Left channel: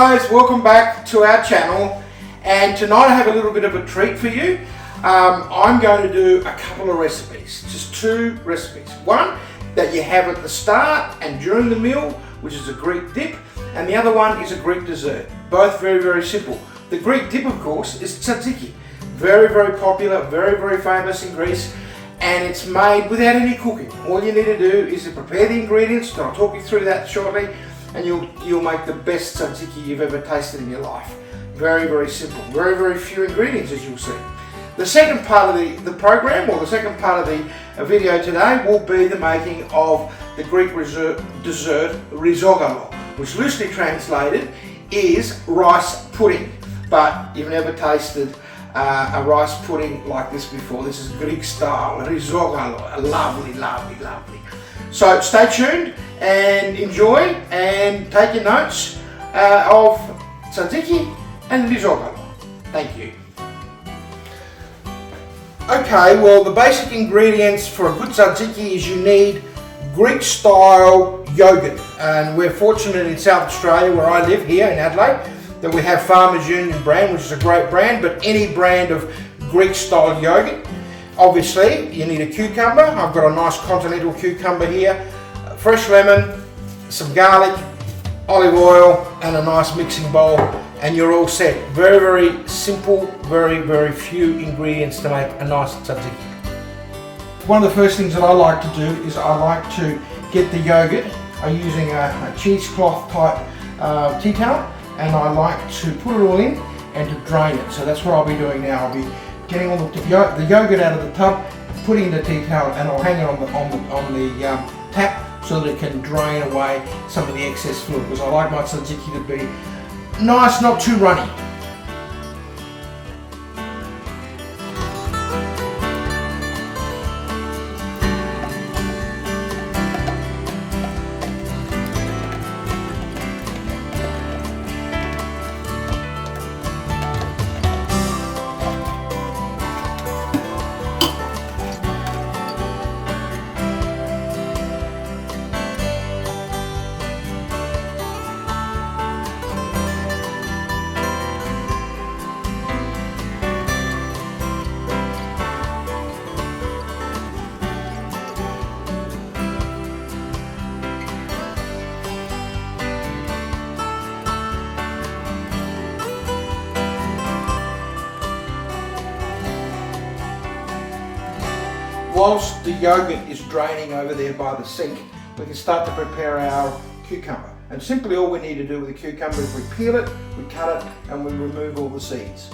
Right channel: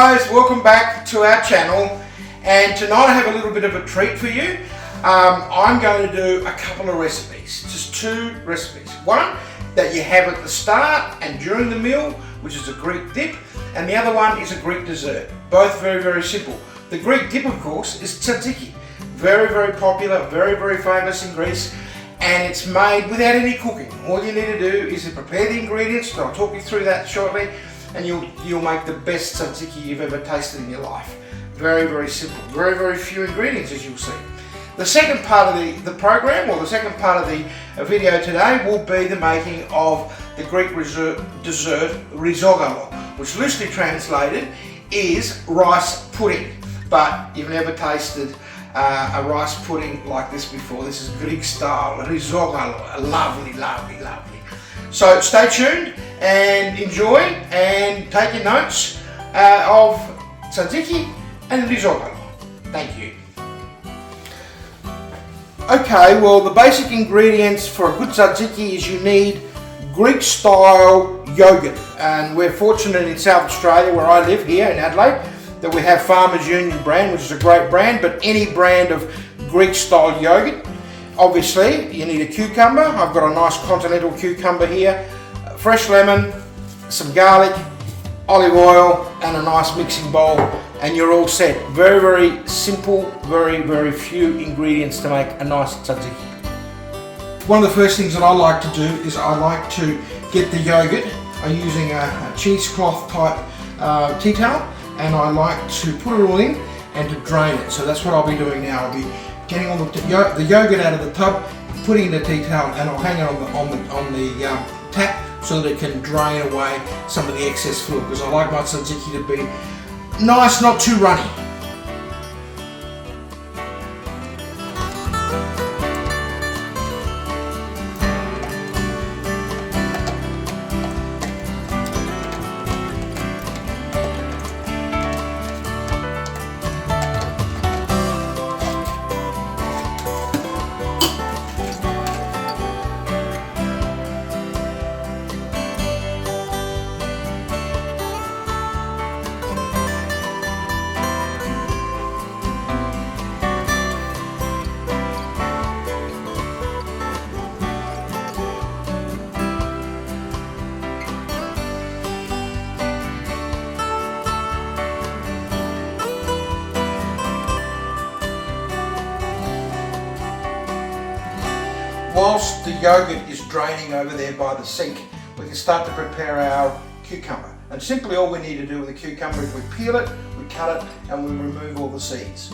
guys, welcome back to our channel, and tonight I have a little bit of a treat for you. I'm going to do a couple of recipes, just two recipes. One that you have at the start and during the meal, which is a Greek dip, and the other one is a Greek dessert. Both very, very simple. The Greek dip, of course, is tzatziki. Very, very popular, very, very famous in Greece, and it's made without any cooking. All you need to do is to prepare the ingredients, and I'll talk you through that shortly, and you'll make the best tzatziki you've ever tasted in your life. Very, very simple. Very, very few ingredients, as you'll see. The second part of the program, or the second part of the video today, will be the making of the Greek dessert Rizogalo, which loosely translated is rice pudding. But you've never tasted a rice pudding like this before. This is Greek style, Rizogalo. Lovely, lovely, lovely. So stay tuned and enjoy and take your notes of tzatziki and Rizogalo. Thank you. Okay, well, the basic ingredients for a good tzatziki is you need Greek style yogurt, and we're fortunate in South Australia, where I live here in Adelaide, that we have Farmers Union brand, which is a great brand, but any brand of Greek style yogurt. Obviously, you need a cucumber. I've got a nice continental cucumber here, fresh lemon, some garlic, olive oil, and a nice mixing bowl, and you're all set. Very, very simple, very, very few ingredients to make a nice tzatziki. One of the first things that I like to do is I like to get the yogurt. I'm using a cheesecloth type tea towel, and I like to put it all in and to drain it. So that's what I'll be doing now. I'll be getting all the yogurt out of the tub, putting in the tea towel, and I'll hang it on the tap so that it can drain away some of the excess fluid, because I like my tzatziki to be nice, not too runny. Whilst the yogurt is draining over there by the sink, we can start to prepare our cucumber. And simply all we need to do with the cucumber is we peel it, we cut it, and we remove all the seeds.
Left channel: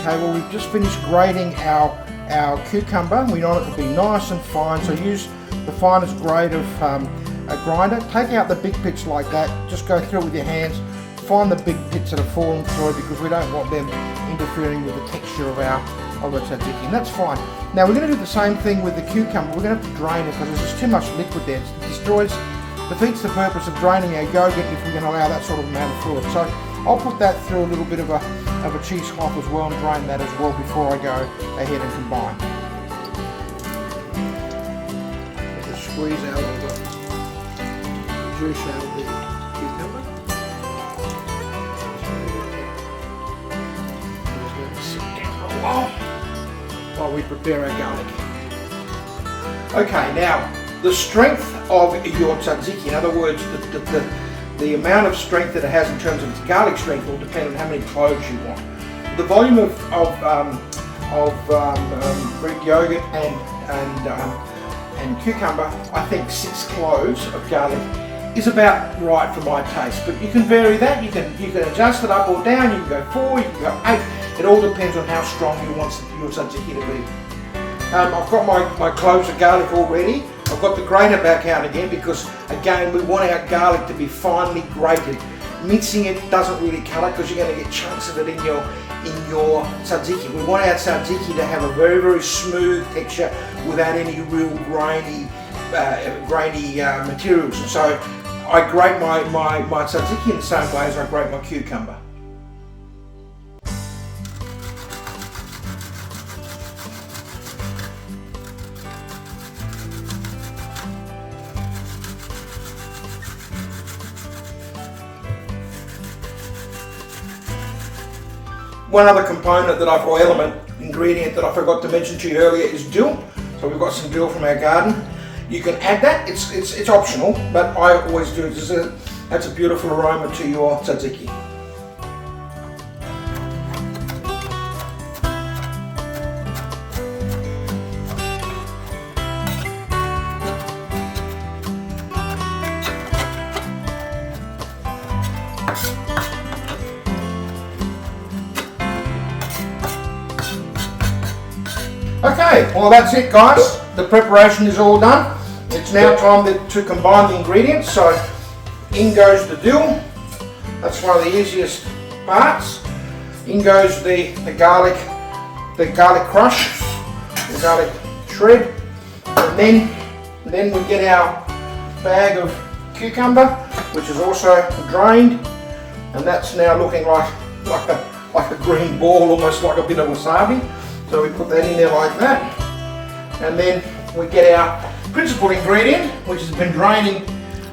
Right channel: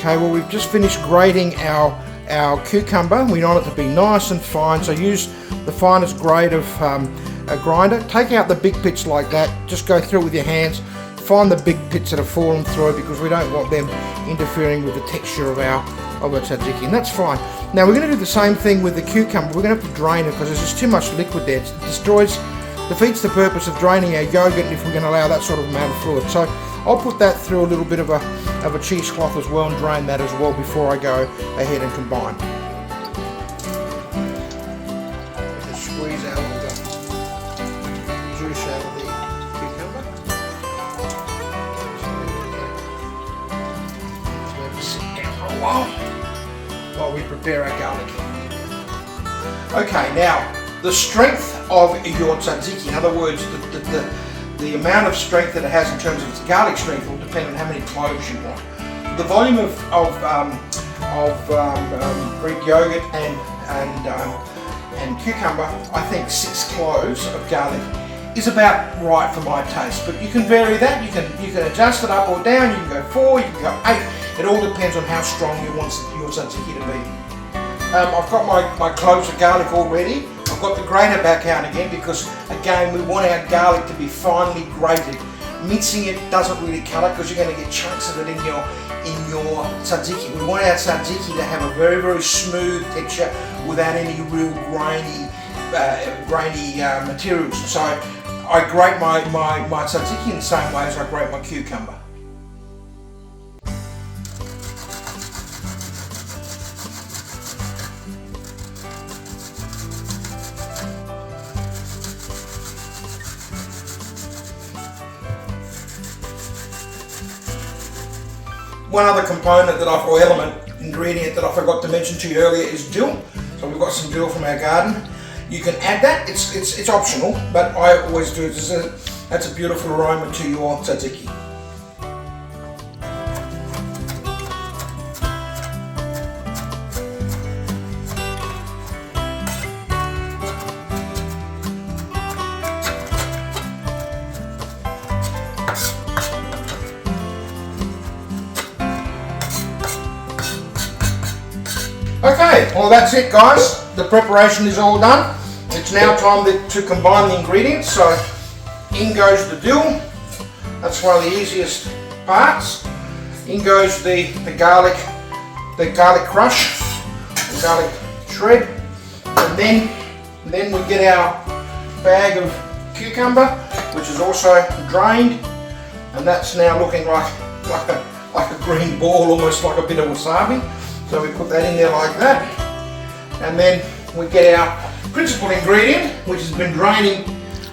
Okay, well, we've just finished grating our cucumber. We want it to be nice and fine, so use the finest grade of a grinder. Take out the big bits like that, just go through it with your hands. Find the big bits that have fallen through, because we don't want them interfering with the texture of our tzatziki, and that's fine. Now we're going to do the same thing with the cucumber. We're going to have to drain it because there's just too much liquid there. It defeats the purpose of draining our yogurt if we're going to allow that sort of amount of fluid. So I'll put that through a little bit of a cheesecloth as well, and drain that as well before I go ahead and combine. Just squeeze out all the juice out of the cucumber. while we prepare our garlic. Okay, now the strength of your tzatziki, in other words, the amount of strength that it has in terms of its garlic strength will depend on how many cloves you want. The volume of Greek yogurt and cucumber, I think 6 cloves of garlic is about right for my taste. But you can vary that. You can adjust it up or down. You can go 4, you can go 8. It all depends on how strong you want your tzatziki to be. I've got my cloves of garlic already. I've got the grater back out again because, again, we want our garlic to be finely grated. Mincing it doesn't really cut it because you're going to get chunks of it in your tzatziki. We want our tzatziki to have a very, very smooth texture without any real grainy materials. So I grate my tzatziki in the same way as I grate my cucumber. One other component or ingredient that I forgot to mention to you earlier is dill. So we've got some dill from our garden. You can add that, it's optional, but I always do it. That's a beautiful aroma to your tzatziki. Okay, well that's it guys. The preparation is all done. It's now time to combine the ingredients. So in goes the dill. That's one of the easiest parts. In goes the garlic crush, the garlic shred, and then we get our bag of cucumber, which is also drained, and that's now looking like a green ball, almost like a bit of wasabi. So we put that in there like that, and then we get our principal ingredient, which has been draining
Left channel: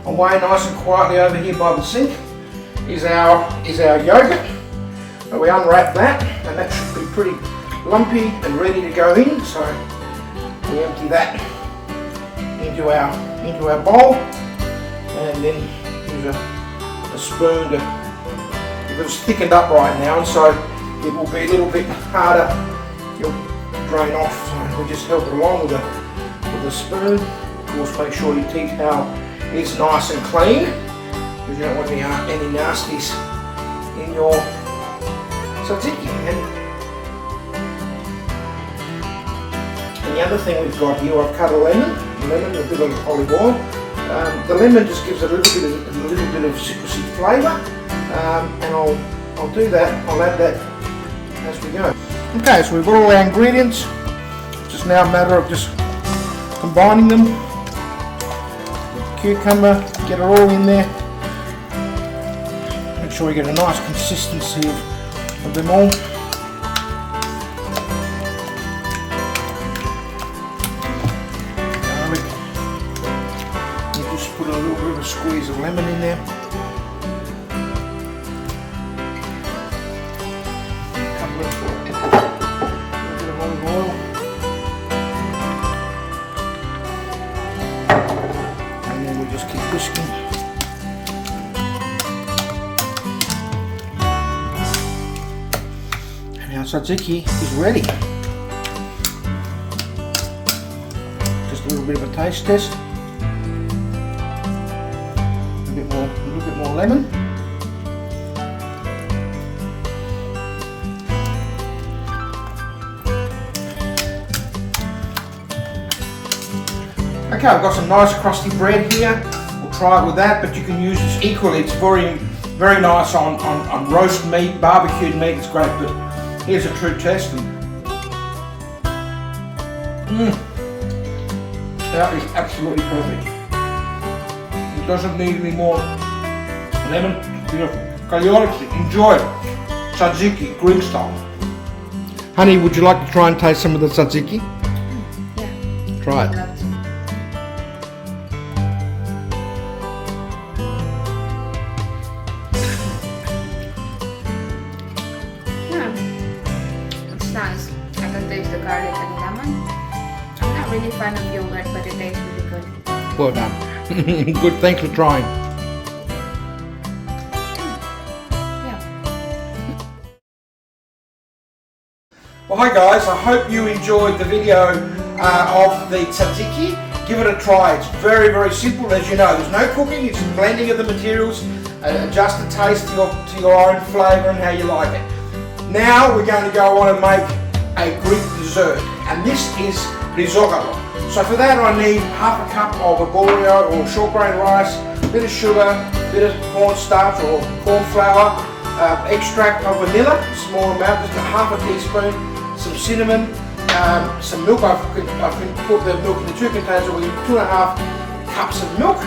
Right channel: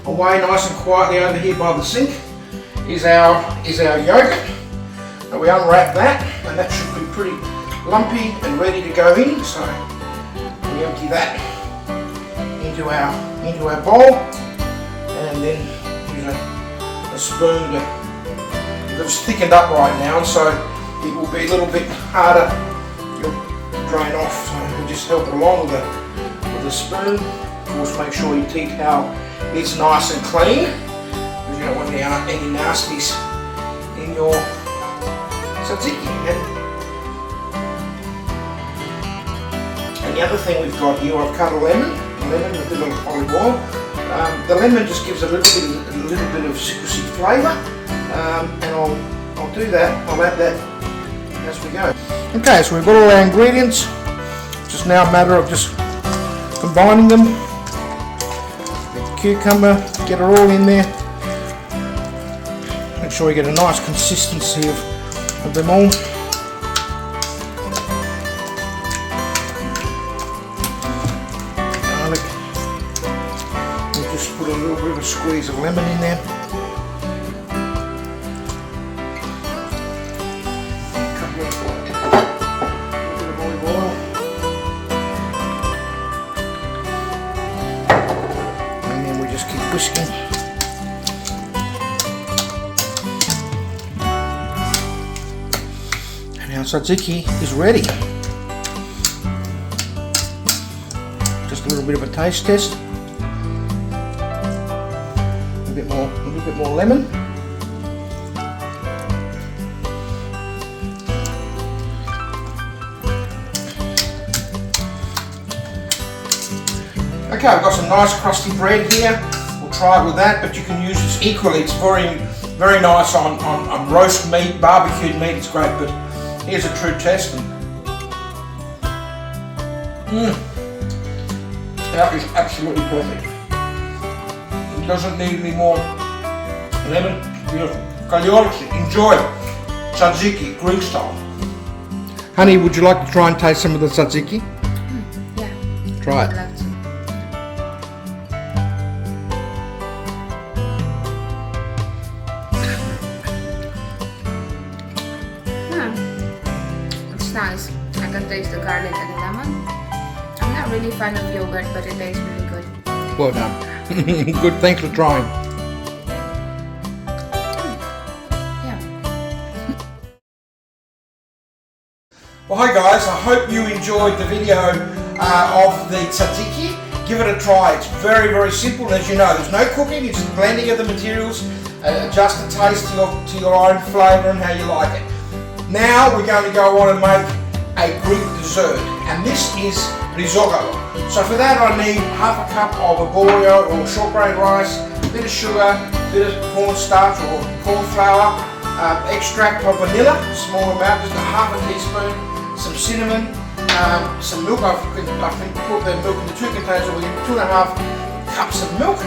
away nice and quietly over here by the sink, is our yogurt. And we unwrap that, and that should be pretty lumpy and ready to go in. So we empty that into our bowl, and then use a spoon to. It's thickened up right now, and so it will be a little bit harder. You'll drain off, so we just help it along with a spoon. Of course, make sure your tea towel is nice and clean, because you don't want any nasties in your tzatziki. And the other thing we've got here, I've cut a lemon, a bit of olive oil. The lemon just gives it a little bit of citrusy flavour, and I'll do that. I'll add that as we go. Okay, so we've got all our ingredients. It's just now a matter of just combining them with the cucumber, get it all in there. Make sure we get a nice consistency of them all. Garlic. We'll just put a little bit of a squeeze of lemon in there. Whisking. And our tzatziki is ready. Just a little bit of a taste test. A little bit more lemon. Okay, I've got some nice crusty bread here. Try it with that, but you can use this equally. It's very, very nice on roast meat, barbecued meat. It's great, but here's a true test. That is absolutely perfect. It doesn't need any more lemon. Beautiful. Enjoy it. Tzatziki, Greek style. Honey, would you like to try and taste some of the tzatziki? Yeah. Try it. I'd love to. It's nice. I can taste the garlic and the lemon. I'm not really a fan of yogurt, but it tastes really good. Well done. Good, thanks for trying. Yeah. Well, hi guys, I hope you enjoyed the video of the tzatziki. Give it a try. It's very, very simple. As you know, there's no cooking, it's just blending of the materials, adjust the taste to your own flavour and how you like it. Now we're going to go on and make a Greek dessert, and this is Rizogalo. So for that I need half a cup of arborio or short grain rice, a bit of sugar, a bit of cornstarch or corn flour, extract of vanilla, small amount, just half a teaspoon, some cinnamon, some milk. I can put the milk in the 2 containers, or 2.5 cups of milk.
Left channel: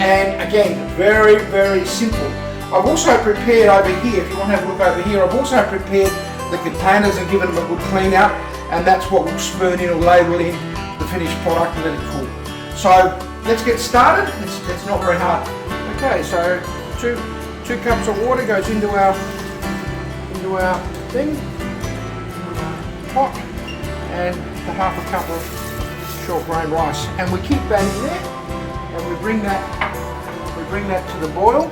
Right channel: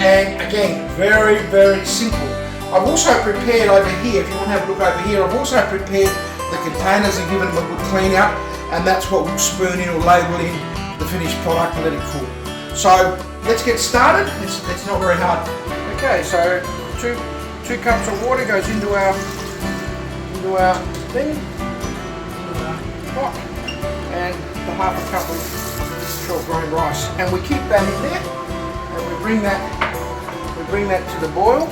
And again, very, very simple. I've also prepared over here, if you want to have a look over here, I've also prepared the containers and given them a good clean out, and that's what we'll spoon in or label in the finished product and let it cool. So let's get started. It's not very hard. Okay, so two cups of water goes into our thing, into our pot, and the half a cup of short grain rice, and we keep that in there, and we bring that to the boil.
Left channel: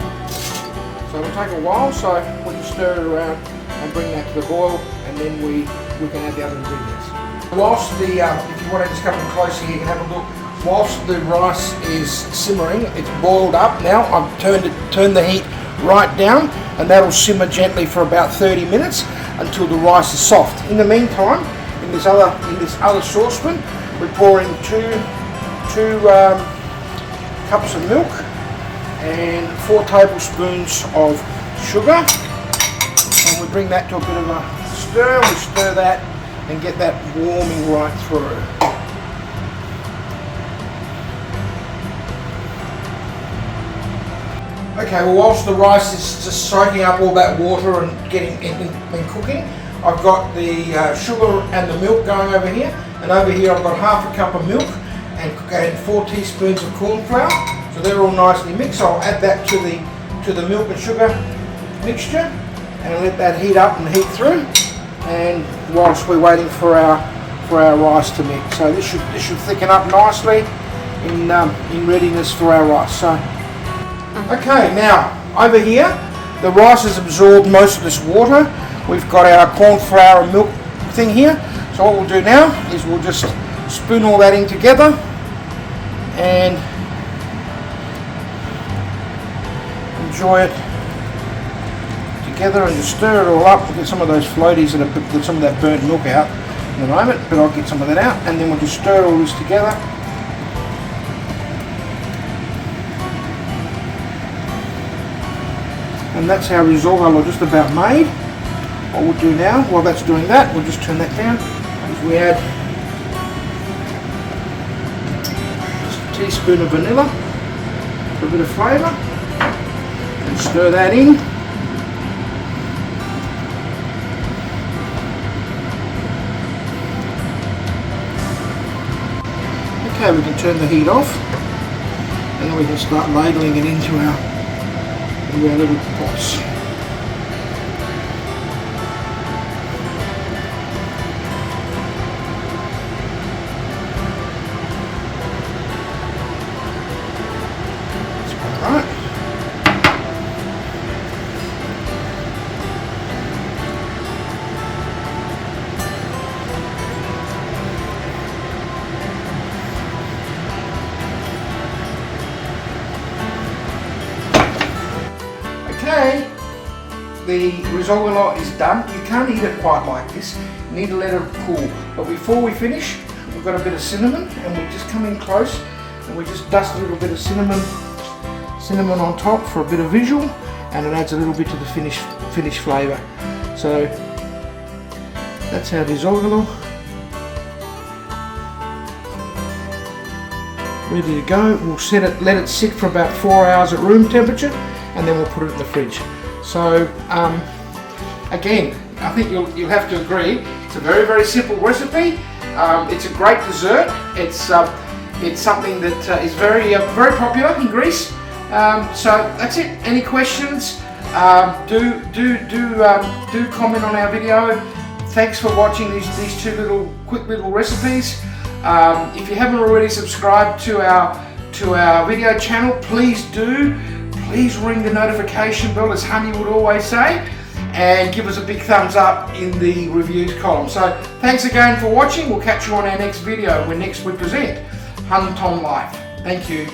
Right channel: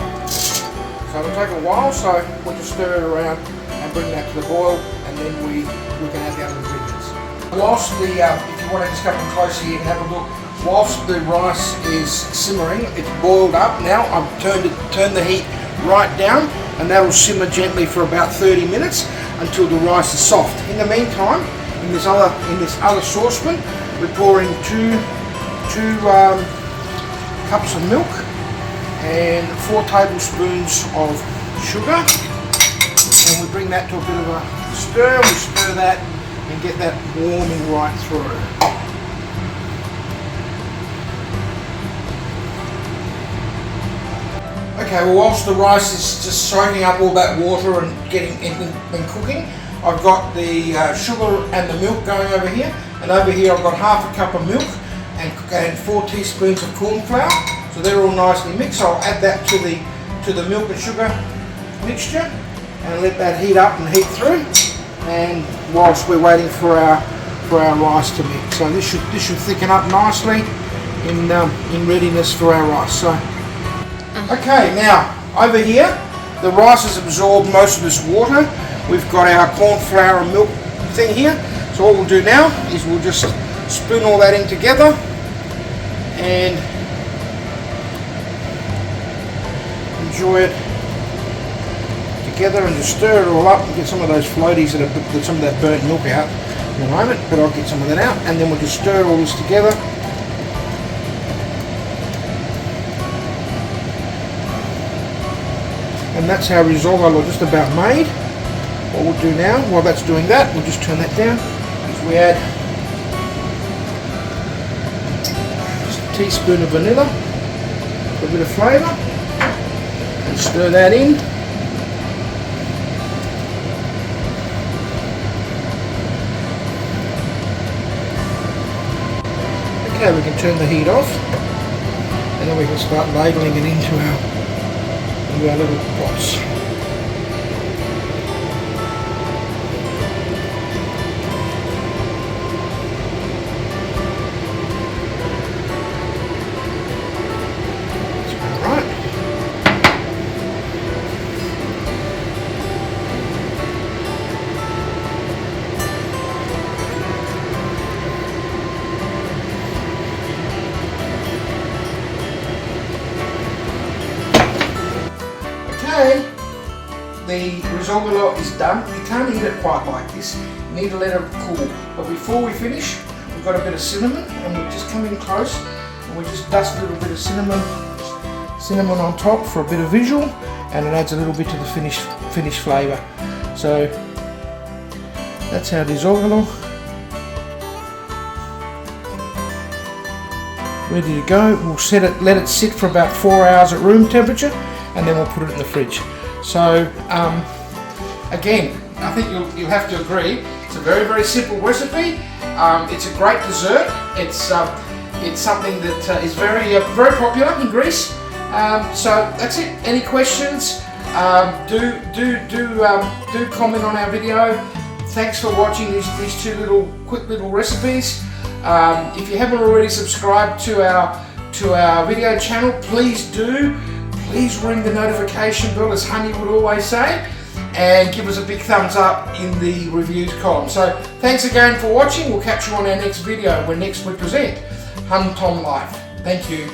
So it'll take a while, so we'll just stir it around and bring that to the boil, and then we can add the other ingredients. Whilst the, if you want to just come in closer here and have a look, whilst the rice is simmering, it's boiled up now. I've turned the heat right down, and that'll simmer gently for about 30 minutes until the rice is soft. In the meantime, in this other saucepan, we pour in two cups of milk and 4 tablespoons of sugar, and we bring that to a bit of a stir. We stir that and get that warming right through. Okay, well, whilst the rice is just soaking up all that water and getting and cooking, I've got the sugar and the milk going over here, and over here I've got half a cup of milk and 4 teaspoons of corn flour. So they're all nicely mixed. I'll add that to the milk and sugar mixture, and let that heat up and heat through. And whilst we're waiting for our rice to mix, so this should thicken up nicely in readiness for our rice. So okay, now over here the rice has absorbed most of this water. We've got our corn flour and milk thing here. So what we'll do now is we'll just spoon all that in together and enjoy it together, and just stir it all up and get some of those floaties and get some of that burnt milk out in a moment, but I'll get some of that out, and then we'll just stir all this together. And that's our Rizogalo just about made. What we'll do now, while that's doing that, we'll just turn that down, as we add just a teaspoon of vanilla for a bit of flavour. Stir that in. Okay, we can turn the heat off, and then we can start ladling it into our little pots. Okay, the Rizogalo is done. You can't eat it quite like this. You need to let it cool. But before we finish, we've got a bit of cinnamon, and we'll just come in close and we just dust a little bit of cinnamon on top for a bit of visual, and it adds a little bit to the finished flavour. So that's our Rizogalo. Ready to go. We'll let it sit for about 4 hours at room temperature, and then we'll put it in the fridge. So again, I think you'll have to agree, it's a very, very simple recipe. It's a great dessert. It's something that is very popular in Greece. So that's it. Any questions? Do comment on our video. thanks for watching these two quick little recipes. If you haven't already subscribed to our video channel, please do. Please ring the notification bell, as Honey would always say, and give us a big thumbs up in the reviews column. So thanks again for watching. We'll catch you on our next video when next we present Hun Tom Life. Thank you.